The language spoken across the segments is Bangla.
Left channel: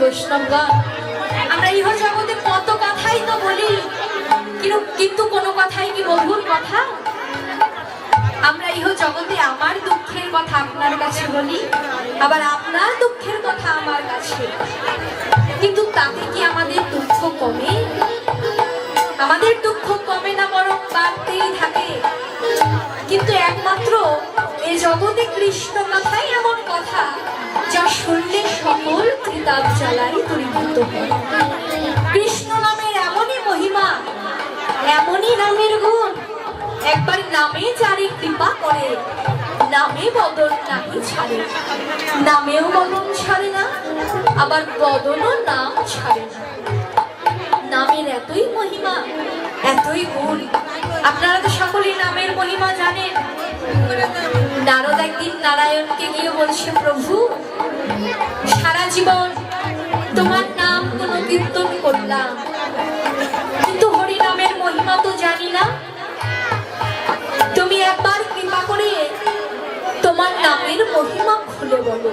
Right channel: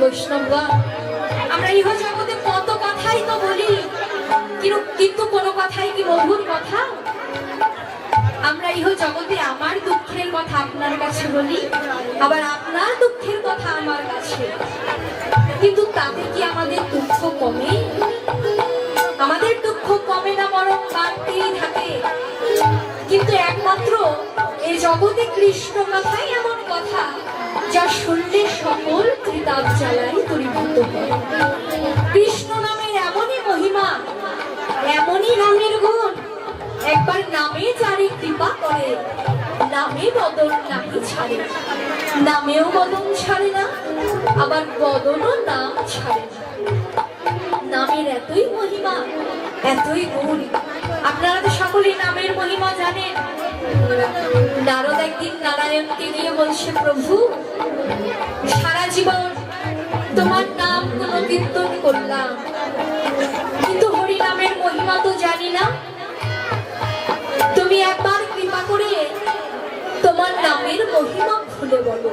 বৈষ্ণবগণ, আমরা ইহ জগতে কত কথাই তো বলি, কিন্তু কোনো কথাই কি মধুর কথা? আমরা ইহ জগতে আমার দুঃখের কথা আপনার কাছে বলি, আবার আপনার দুঃখের কথা আমার কাছে। কিন্তু তাতে কি আমাদের দুঃখ কমে? আমাদের দুঃখ কমে না বরং বাড়তেই থাকে। কিন্তু একমাত্র এই জগতে কৃষ্ণ কথা শুনলে সকল ত্রিতাপ জ্বালাই পরিবর্ত হয়। কৃষ্ণ নামের এমনই মহিমা, এমনই নামের গুণ। একবার নামে যারে কৃপা করে, নামে বদল নামে ছাড়ে। নামেও বদল ছাড়ে না, আবার বদলও নাম ছাড়ে না। এতই মহিমা, এতই গুণ। আপনারা তো সকলেই নামের মহিমা জানেন। নারদ একদিন নারায়ণকে গিয়ে বলছে, প্রভু, সারা জীবন তোমার নাম কোন কীর্তন করলাম। কিন্তু হরি নামের মহিমা তো জানি না। তুমি একবার কৃপা করে তোমার নামের মহিমা খুলে বলো।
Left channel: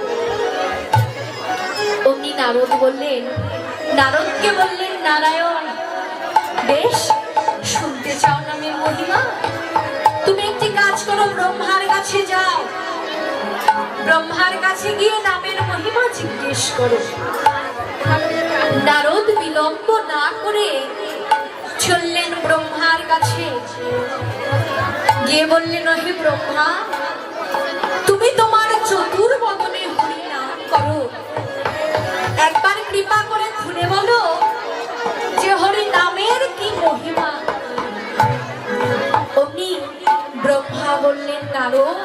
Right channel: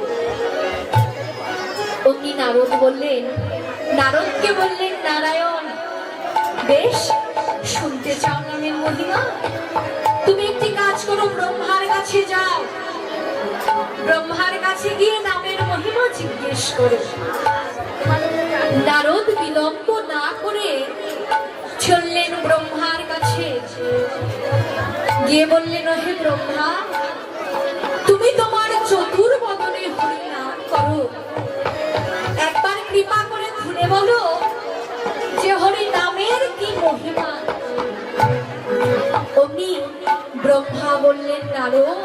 অমনি নারদ বললেন, নারদকে বললেন, নারায়ণ বেশ, শুনতে চাও নামের মহিমা? তুমি একটি কাজ করো, ব্রহ্মার কাছে যাও। ব্রহ্মার কাছে গিয়ে নামের মহিমা জিজ্ঞেস করো। নারদ বিলম্ব না করে চললেন ব্রহ্মার কাছে। গিয়ে বললেন, হে ব্রহ্মা, তুমি তোমার চতুর বদনে হরি নাম করো। একবার কৃপা করে খুলে বলো বললেন নারদ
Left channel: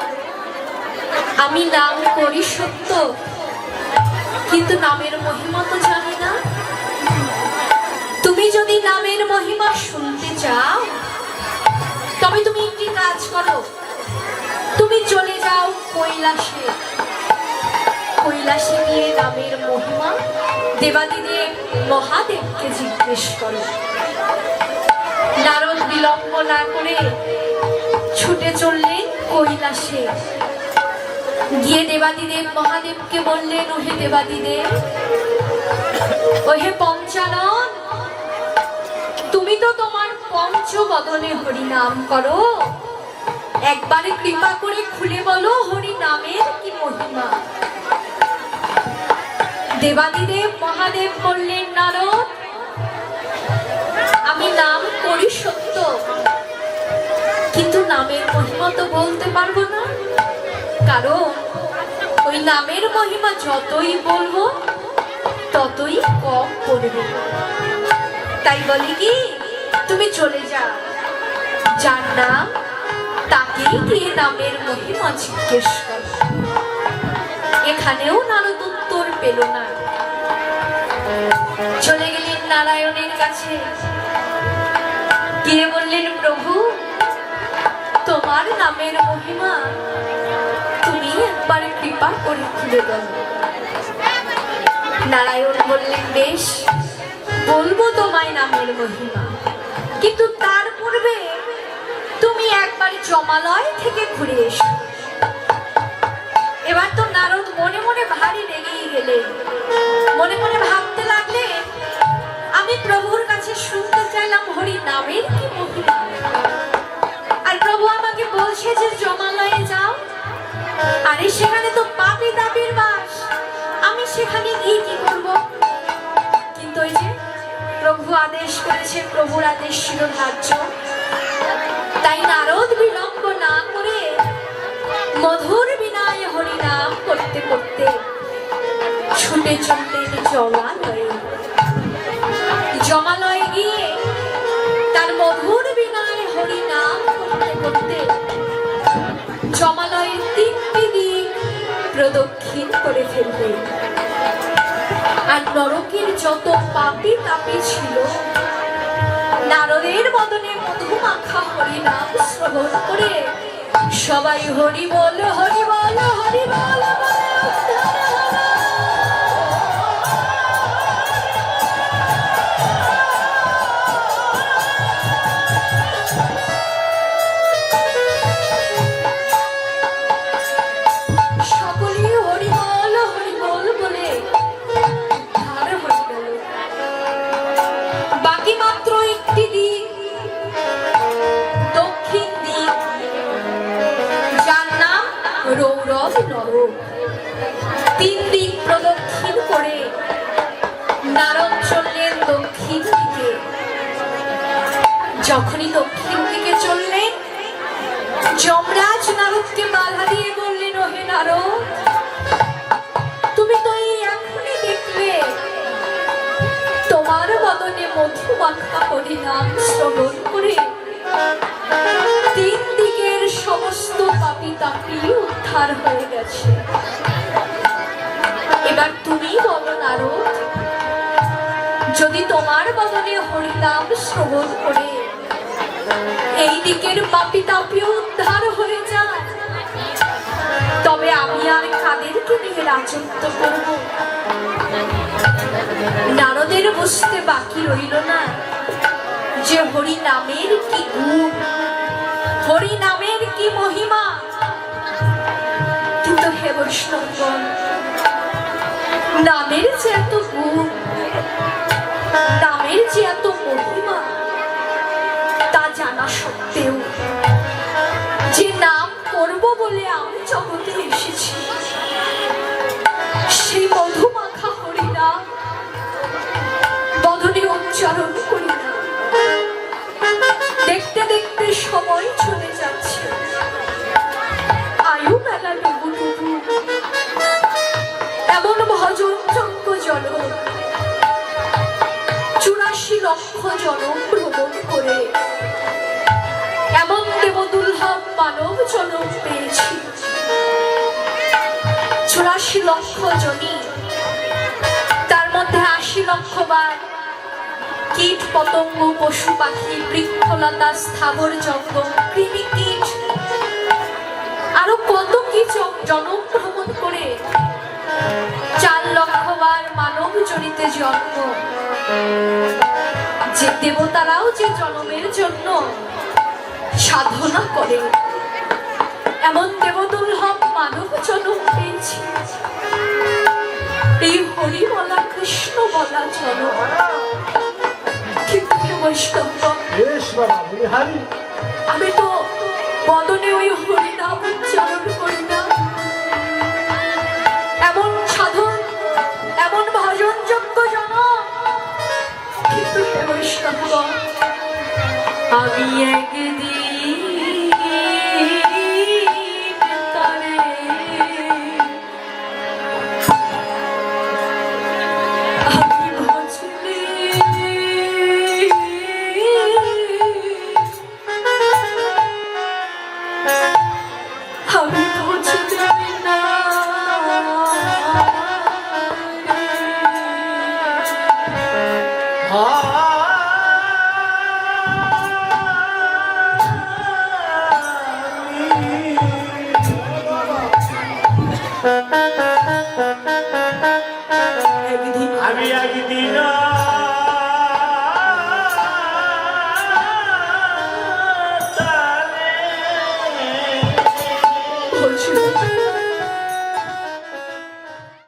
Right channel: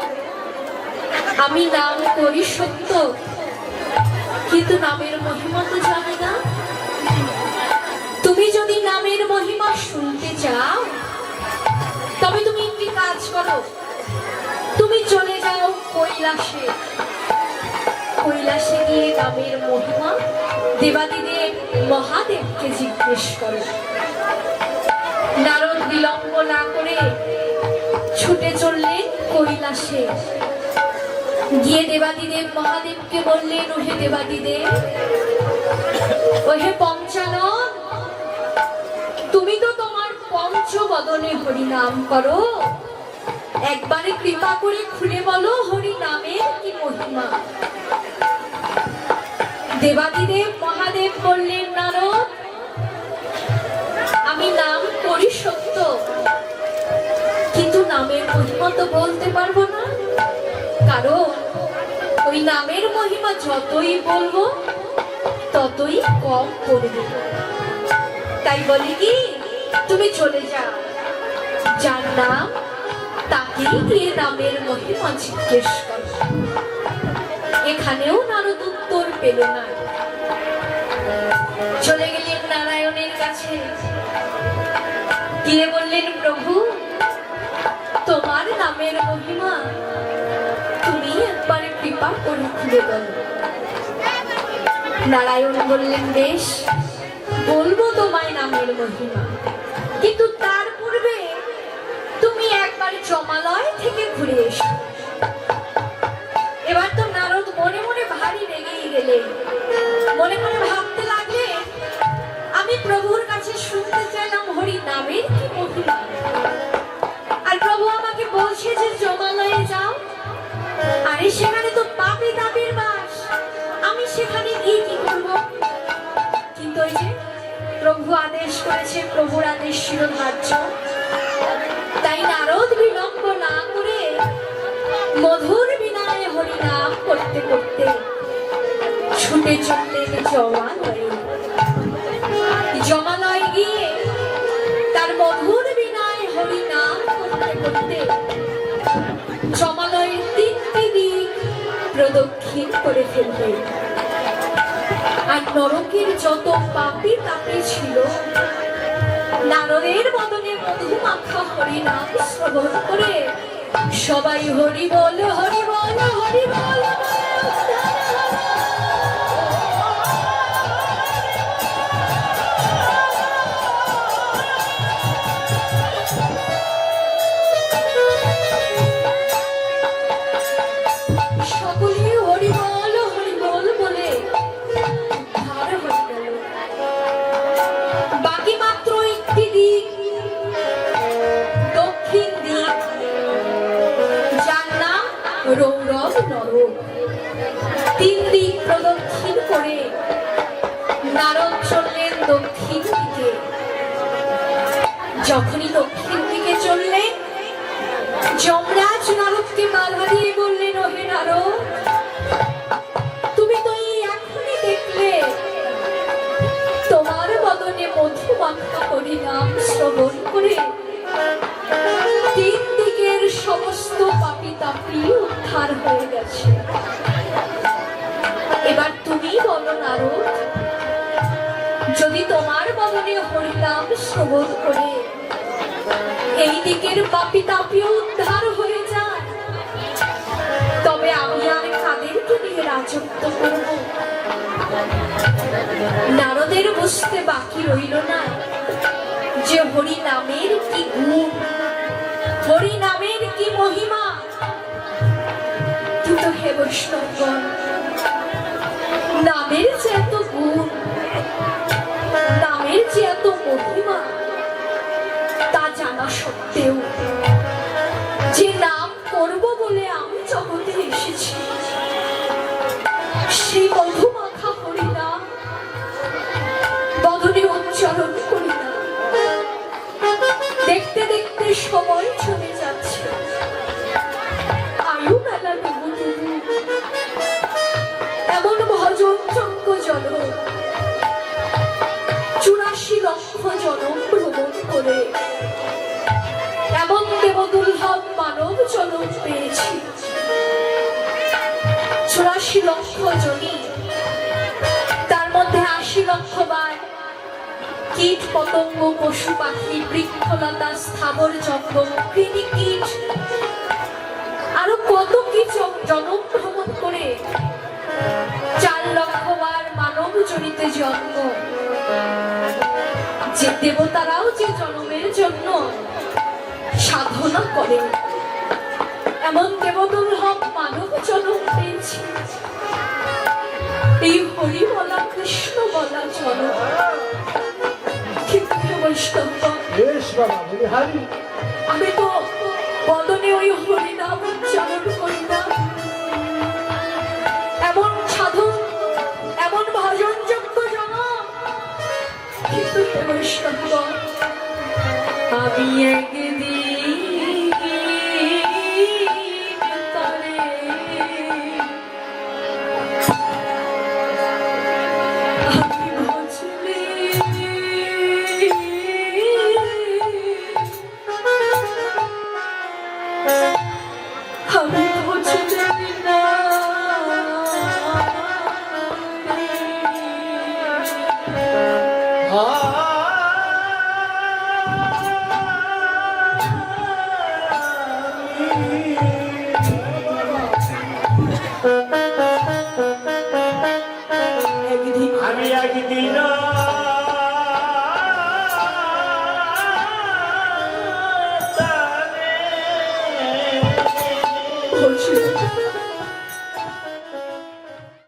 আমি নাম করি সত্য, কিন্তু নামের মহিমা তো জানি না। তুমি যদি নামের মহিমা শুনতে চাও, তবে তুমি একটি কাজ করো। তুমি চলে যাও কৈলাসে। কৈলাসে গিয়ে নামের মহিমা দেবাদিদেব মহাদেবকে জিজ্ঞেস করো। নারদ বিলম্ব না করে কৈলাসে। গিয়ে দেবাদিদেব মহাদেবকে বললেন, ওহে দেবাদিদেব, ওহে পঞ্চানন, তুমি তো তোমার পঞ্চ বদনে হরিনাম করো। একবারে কৃপা করে খুলে বলো হরি নামের কি মহিমা? দেবাদিদেব মহাদেব বললেন, নারদ, আমি নাম করি বলতে পারব না? কারণ ওই নামের মহিমা যতই বলব, ততই কম পড়বে তাই বলি কি, তুমি চলে যা যার নাম, তাকেই গিয়ে নামের মহিমা জিজ্ঞেস এখানেও নারদ উত্তর পেল না। চলে গেলেন নারায়ণের কাছে। গিয়ে বললেন, প্রভু নামের মহিমা তুমি একবার কৃপা করে খুলে দাও নারায়ণ বললেন বেশ বলব তোমায় নামের মহিমা কিন্তু তার পূর্বে তুমি একবার জমালয় থেকে ঘুরে এসো। এবার তো নারদ মনে মনে ভারী রেগেই গেলে। মনে মনে ভাবতে লাগলে, আমি প্রভুর প্রভু আদেশ করেছে, প্রভুর আদেশ ছিল ধার্য। তাই নারদ বিলম্ব না করে মধুর বিনায় হরিনাম করতে করতে ছুটে চললেন জমালয়ে জমালয়ে গিয়ে তার মধুর বিনায় হরিনাম করতে করতে জমালয়ের তিনটি দিক প্রদক্ষিণ করে ফেলবে আর নরকের যত তাপি ছিল। নারদের বদনে মধু মাখা হরিনাম শ্রবণ করে। সবাই হরি বল হরি বল হরি বল পুরজ নরক। তিন দিক প্রদক্ষিণ করে নারদ চললেন দক্ষিণ দিকে। যখনই দক্ষিণ দিকে চললেন, যমরাজ নারদকে বাধা দিয়ে বললেন, ওহে নারদ নারদ যদি তোমার বদলে হরিনাম শ্রবণ করে, এই দিকের পাপি তাপিও উদ্ধার হয়ে যায়, তবে আমি আর কাদেরকে নিয়ে রাজত্ব করব। নারদের বুঝতে বাকি রইল না, যে হরি নামের কি গুণ হরি নামের কি মহিমা। কিন্তু হে বৈষ্ণবগণ নামের যে এত গুণ। কীট পতঙ্গ পশু পাখি, বৃক্ষলতা, স্থাবর জঙ্গম কৃমি কীট আরও কত কি জ- জনম ভ্রমণ করে চার লক্ষ বার মানব জনিতে জন্ম। যে দেবতারাও যে জন্মের জন্য সাধনা করে। এমন দেবদুর্লভ মানব জন্ম পেয়েছি। এই হরি বলা কৃষ্ণ বলা জন্ম বৈষ্ণব বেশ আমি তো বদনে ওই হরিনাম উচ্চারণ করি না। এমন সাধন, এমন ভজন যোগ্য জানা। কিন্তু আমি একদিন